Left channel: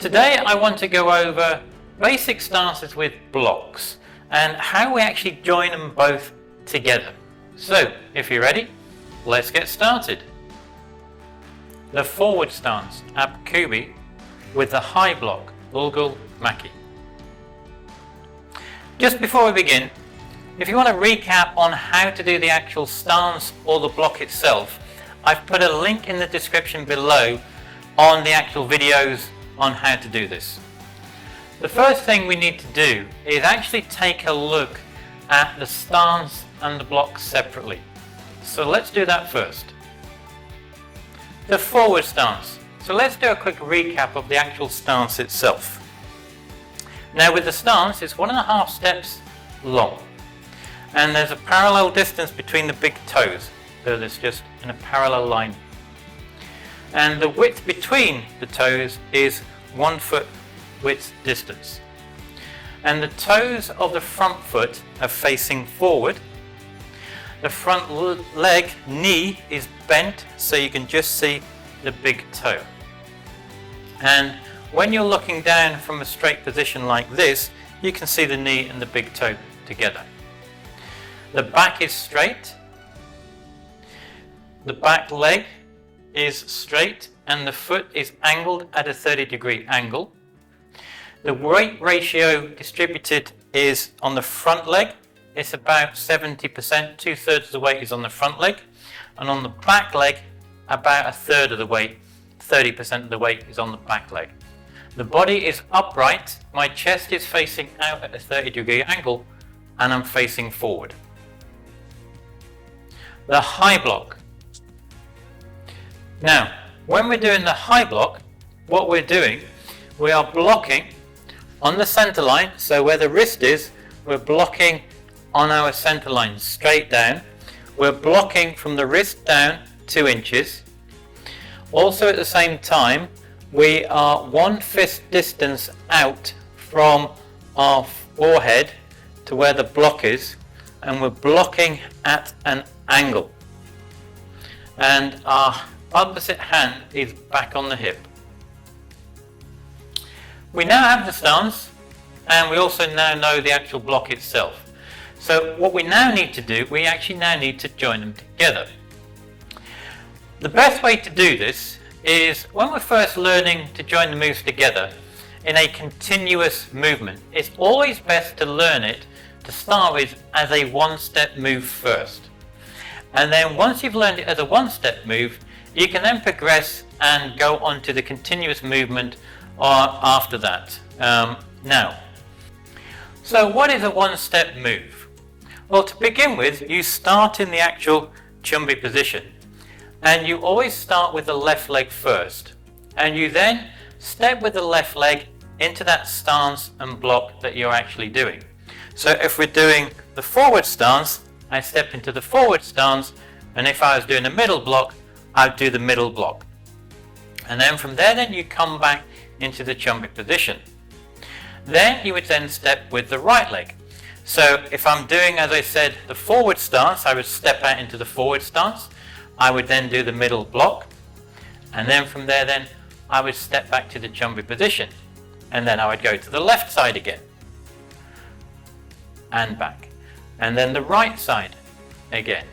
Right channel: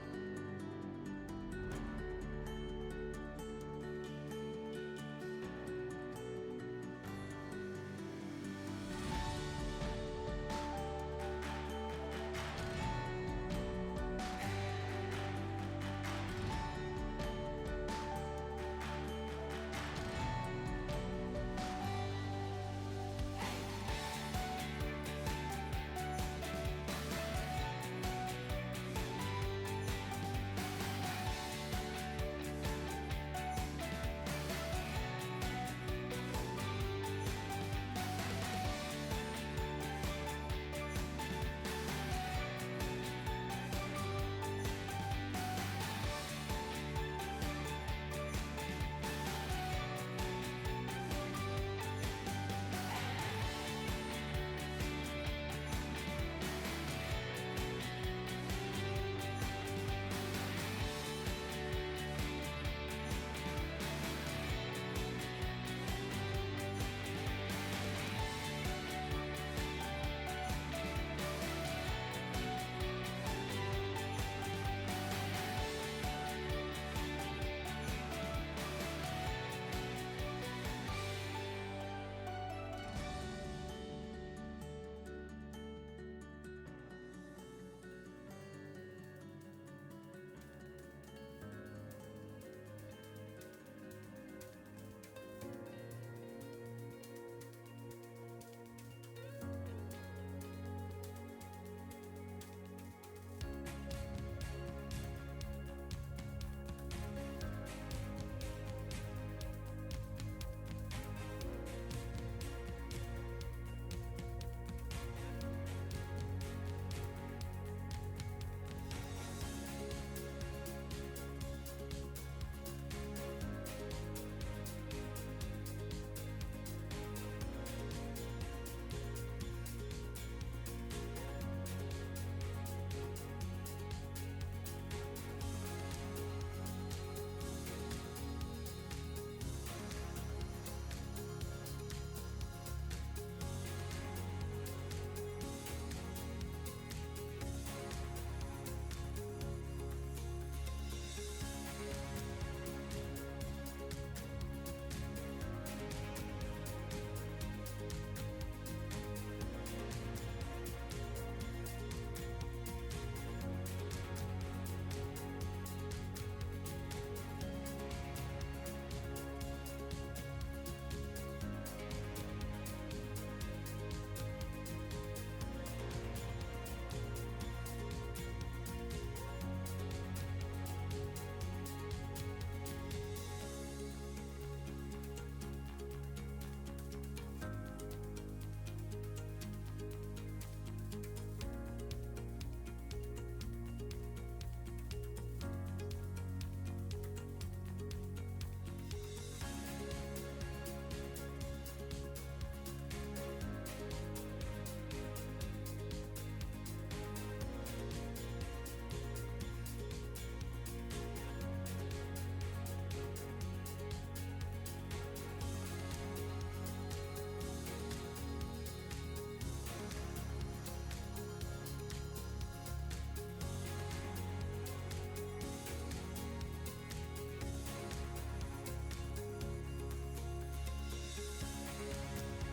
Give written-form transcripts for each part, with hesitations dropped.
Today I want to go over basic stances with blocks and how we actually join them both together. So if you're ready, let's get started. The forward stance at Kubi with the high block, Olgul Makki. Just before we begin, if you want to recap on how to do the actual stance or the block itself, I've put a link in the description below on the actual videos on how to do this. The first thing we need to do is actually take a look at the stance and the block separately. So let's do that first. The forward stance. So let's do a quick recap of the actual stance itself. Now with the stance, it's 1.5 steps long, and there's a parallel distance between the big toes, so it's just in a parallel line. And the width between the toes is 1 foot width distance. And the toes of the front foot are facing forward. The front leg, knee, is bent so you can just see the big toe. And when you're looking down from a straight position like this, you can see the knee and the big toe together. The back is straight. The back leg is straight and the foot is angled at a 30-degree angle. The weight ratio distributed is on the front leg. It's about 70%, 2/3 of the weight is on the front leg, and on the back leg about 1/3 of the weight, 30% of the weight is on the back leg. The body is upright, my chest is facing out at a 30-degree angle and I'm facing forward. The high block. Now, when we're doing the high block, what we're doing, we are blocking on the center line, so where the wrist is, we're blocking on our center line straight down. We're blocking from the wrist down 2 inches. Also at the same time, we are 1 fist distance out from our forehead to where the block is, and we're blocking at an angle. And our opposite hand is back on the hip. We now have the stance, and we also now know the actual block itself. So what we now need to do, we actually now need to join them together. The best way to do this is when we're first learning to join the moves together in a continuous movement. It's always best to learn it to start with as a 1-step move first. And then once you've learned it as a 1-step move, you can then progress and go on to the continuous movement after that. Now, so what is a 1-step move? Well, to begin with, you start in the actual chumbi position, and you always start with the left leg first, and you then step with the left leg into that stance and block that you're actually doing. So if we're doing the forward stance, I step into the forward stance, and if I was doing a middle block, I'd do the middle block. And then from there, then you come back into the chumbi position. Then you would then step with the right leg. So if I'm doing, as I said, the forward stance, I would step out into the forward stance. I would then do the middle block. And then from there, then I would step back to the chumbi position. And then I would go to the left side again. And back. And then the right side again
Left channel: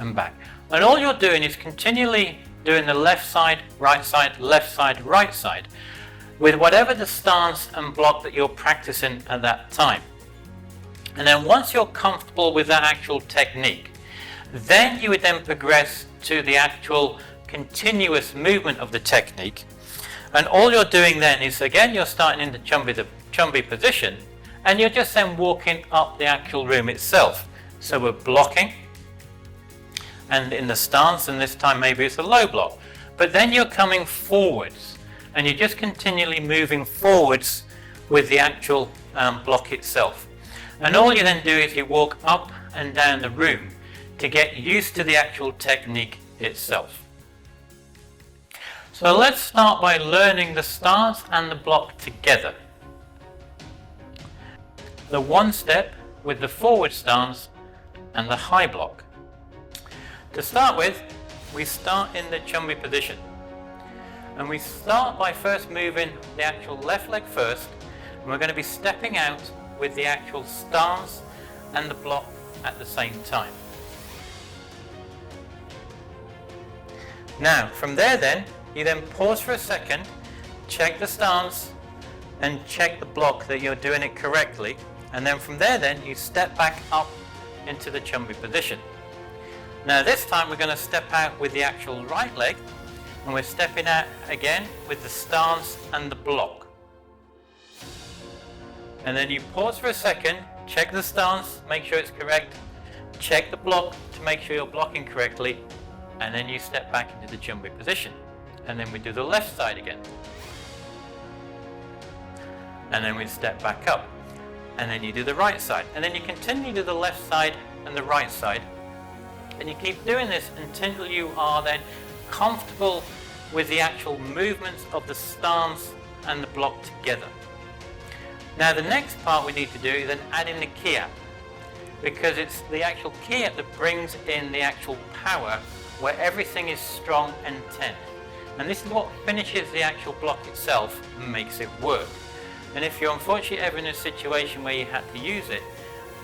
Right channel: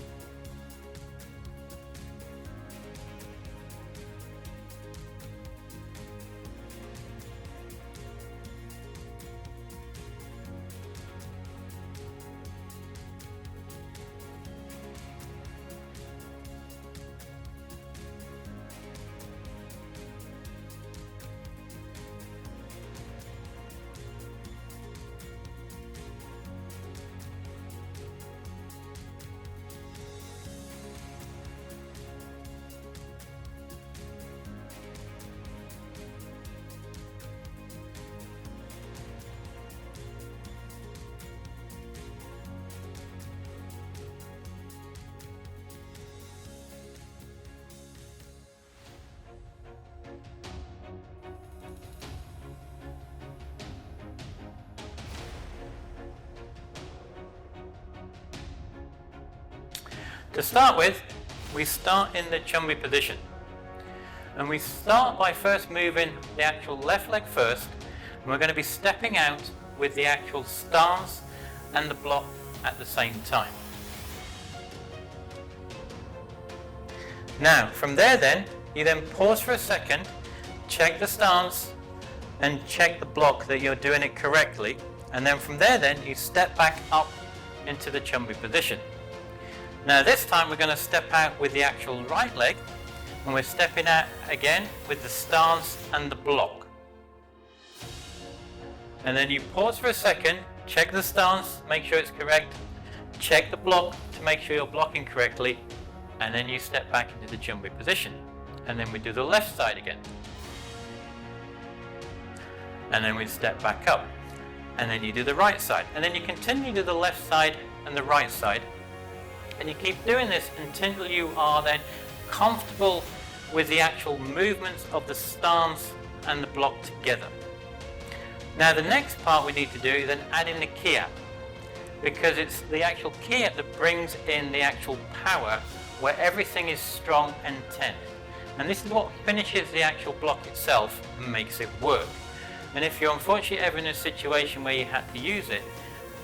and back. And all you're doing is continually doing the left side, right side, with whatever the stance and block that you're practicing at that time. And then once you're comfortable with that actual technique, then you would then progress to the actual continuous movement of the technique. And all you're doing then is, again, you're starting in the chumbi position, and you're just then walking up the actual room itself. So we're blocking, and in the stance, and this time maybe it's a low block, but then you're coming forwards, and you're just continually moving forwards with the actual block itself. And all you then do is you walk up and down the room to get used to the actual technique itself. So let's start by learning the stance and the block together. The 1-step with the forward stance and the high block. To start with, we start in the chumbi position. And we start by first moving the actual left leg first, and we're going to be stepping out with the actual stance and the block at the same time. Now from there then, you then pause for a second, check the stance and check the block that you're doing it correctly, and then from there then you step back up into the chumbi position. Now this time we're going to step out with the actual right leg, and we're stepping out again with the stance and the block. And then you pause for a second, check the stance, make sure it's correct, check the block to make sure you're blocking correctly, and then you step back into the chumbi position. And then we do the left side again. And then we step back up. And then you do the right side. And then you continue to the left side and the right side. And you keep doing this until you are then comfortable with the actual movements of the stance and the block together. Now the next part we need to do is then add in the Ki Hap, because it's the actual Ki Hap that brings in the actual power where everything is strong and tense. And this is what finishes the actual block itself and makes it work. And if you're unfortunately ever in a situation where you had to use it,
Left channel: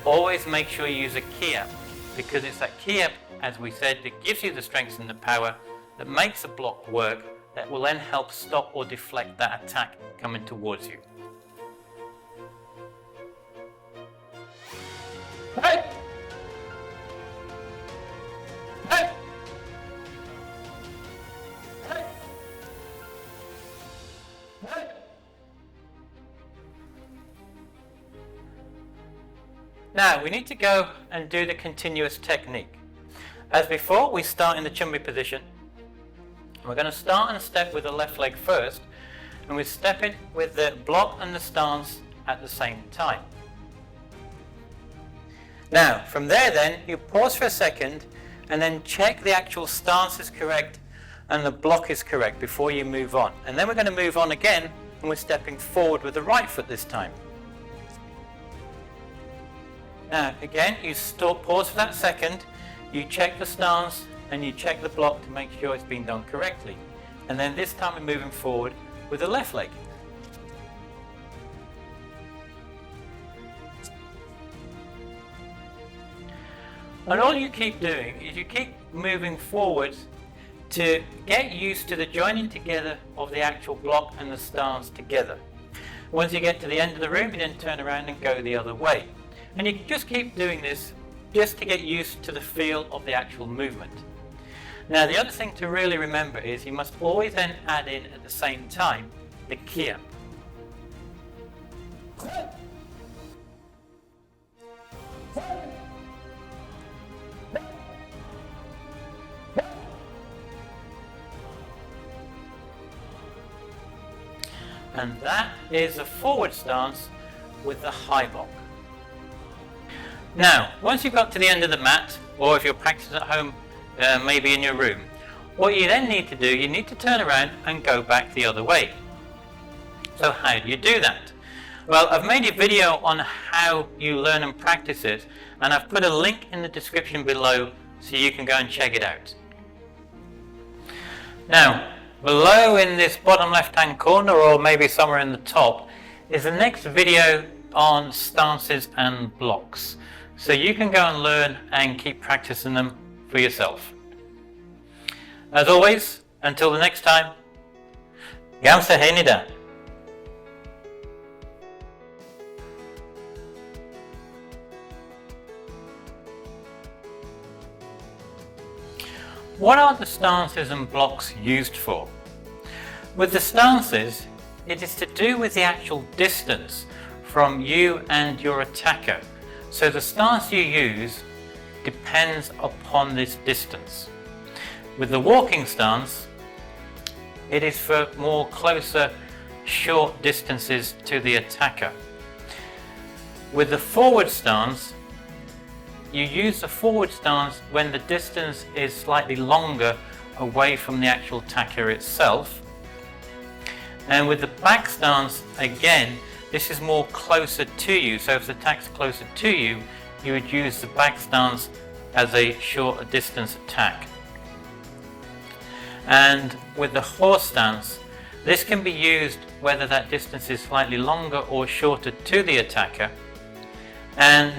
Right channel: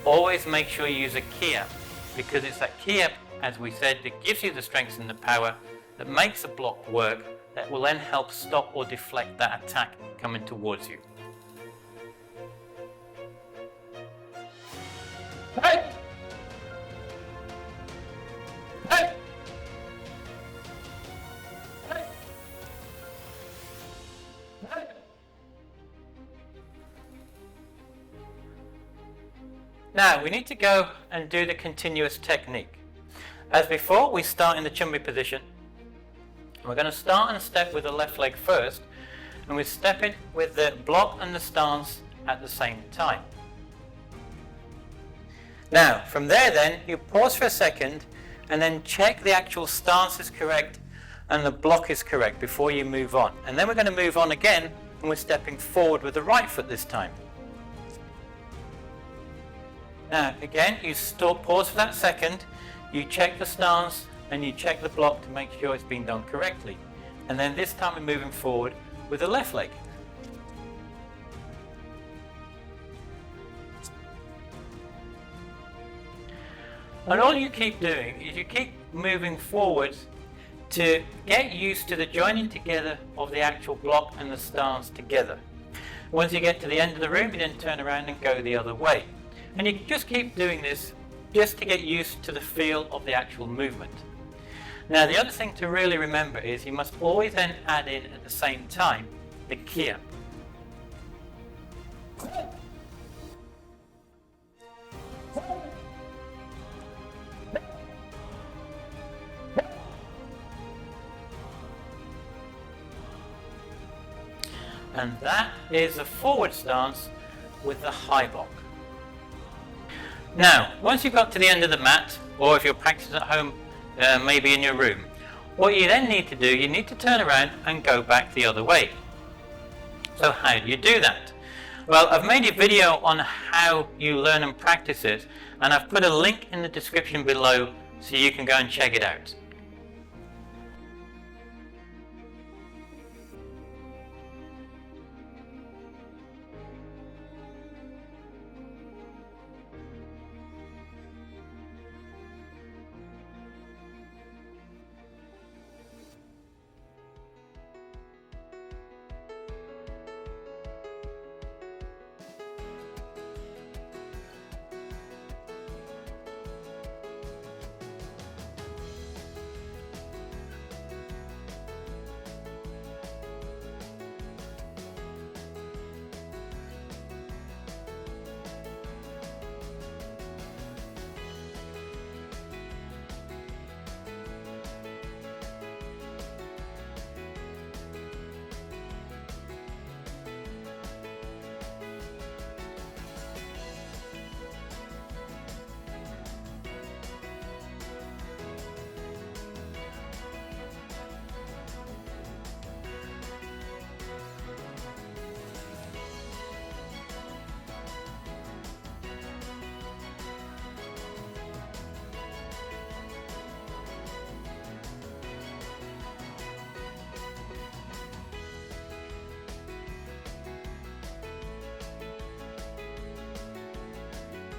always make sure you use a Ki Hap, because it's that Ki Hap, as we said, that gives you the strength and the power that makes the block work, that will then help stop or deflect that attack coming towards you. Hey! Hey! Hey! Hey! Now we need to go and do the continuous technique. As before, we start in the chumbi position. We're going to start and step with the left leg first, and we step it with the block and the stance at the same time. Now from there then, you pause for a second and then check the actual stance is correct and the block is correct before you move on. And then we're going to move on again, and we're stepping forward with the right foot this time. Now again, you pause for that second, you check the stance and you check the block to make sure it's been done correctly. And then this time we're moving forward with the left leg. And all you keep doing is you keep moving forward to get used to the joining together of the actual block and the stance together. Once you get to the end of the room, you then turn around and go the other way. And you just keep doing this just to get used to the feel of the actual movement. Now the other thing to really remember is you must always then add in at the same time the Ki Hap. And that is a forward stance with the high block. Now, once you've got to the end of the mat, or if you're practicing at home, maybe in your room, what you then need to do, you need to turn around and go back the other way. So how do you do that? Well, I've made a video on how you learn and practice it, and I've put a link in the description below so you can go and check it out. Now, below in this bottom left hand corner, or maybe somewhere in the top, is the next video on stances and blocks. So you can go and learn and keep practicing them for yourself. As always, until the next time, Gam Sa Hae Ni. What are the stances and blocks used for? With the stances, it is to do with the actual distance from you and your attacker. So the stance you use depends upon this distance. With the walking stance, it is for more closer, short distances to the attacker. With the forward stance, you use the forward stance when the distance is slightly longer away from the actual attacker itself. And with the back stance, again, this is more closer to you. So if the attack's closer to you, you would use the back stance as a shorter distance attack. And with the horse stance, This can be used whether that distance is slightly longer or shorter to the attacker, and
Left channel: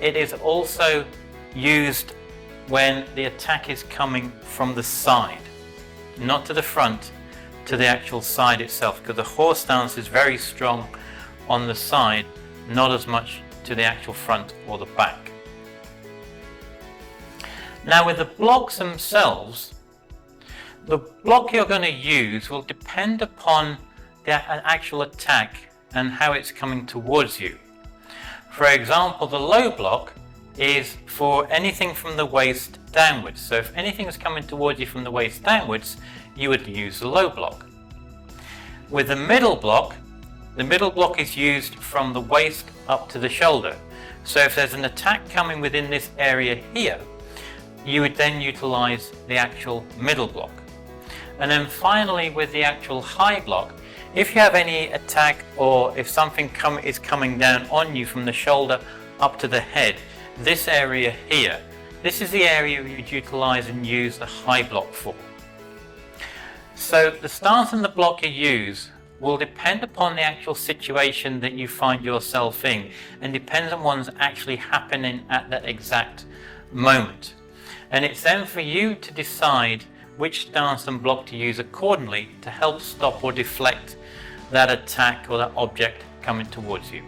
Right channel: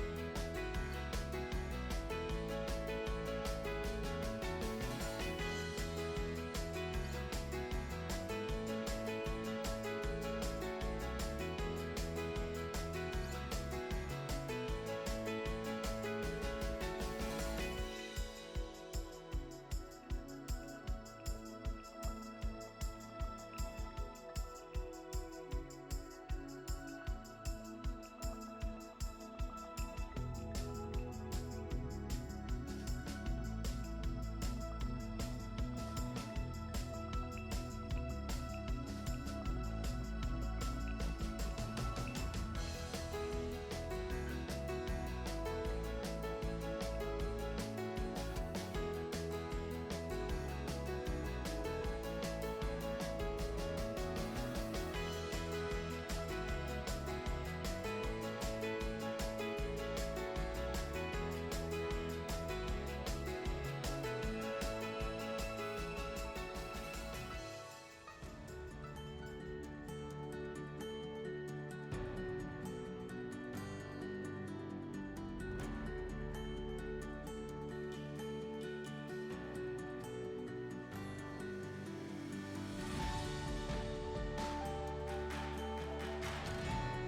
it is also used when the attack is coming from the side, not to the front, to the actual side itself, because the horse stance is very strong on the side, not as much to the actual front or the back. Now with the blocks themselves, the block you're going to use will depend upon the actual attack and how it's coming towards you. For example, the low block is for anything from the waist downwards. So if anything is coming towards you from the waist downwards, you would use the low block. With the middle block is used from the waist up to the shoulder. So if there's an attack coming within this area here, you would then utilize the actual middle block. And then finally, with the actual high block, if you have any attack or if something is coming down on you from the shoulder up to the head, this area here, this is the area you'd utilize and use the high block for. So the stance and the block you use will depend upon the actual situation that you find yourself in, and depends on what's actually happening at that exact moment. And it's then for you to decide which stance and block to use accordingly to help stop or deflect that attack or that object coming towards you.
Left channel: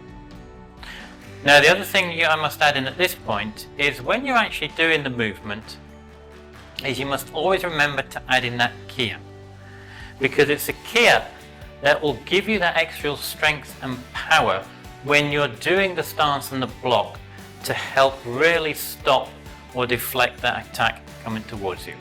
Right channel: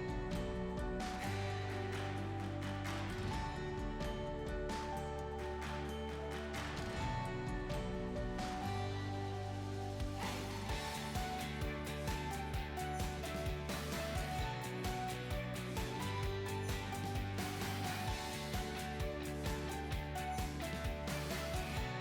Now the other thing I must add in at this point is when you're actually doing the movement, is you must always remember to add in that Ki Hap, because it's a Ki Hap that will give you that extra strength and power when you're doing the stance and the block to help really stop or deflect that attack coming towards you.